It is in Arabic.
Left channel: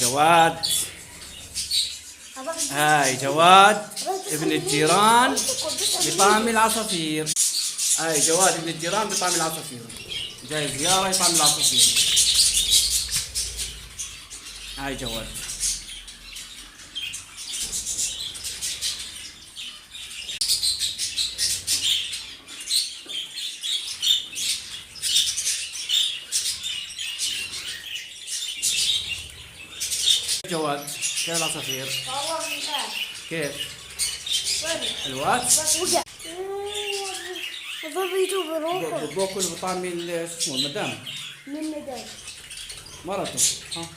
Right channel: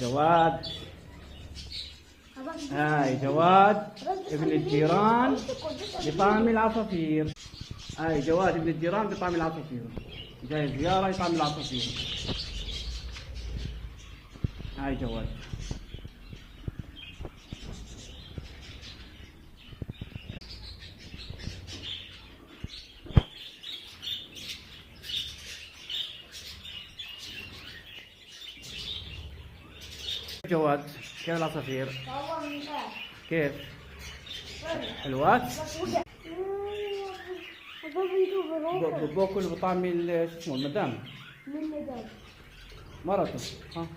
جواد. هاي جواد ابن الجيران بطعم العصافير. هاي جواد ابن الجيران بطعم العصافير، جاي زيارة يطعم العصافير. هاي جواد. جواد كيف العصافير؟ كيف؟ حلوات؟ باكل بطعم شو اسمه المدام. من مدام مرته. ها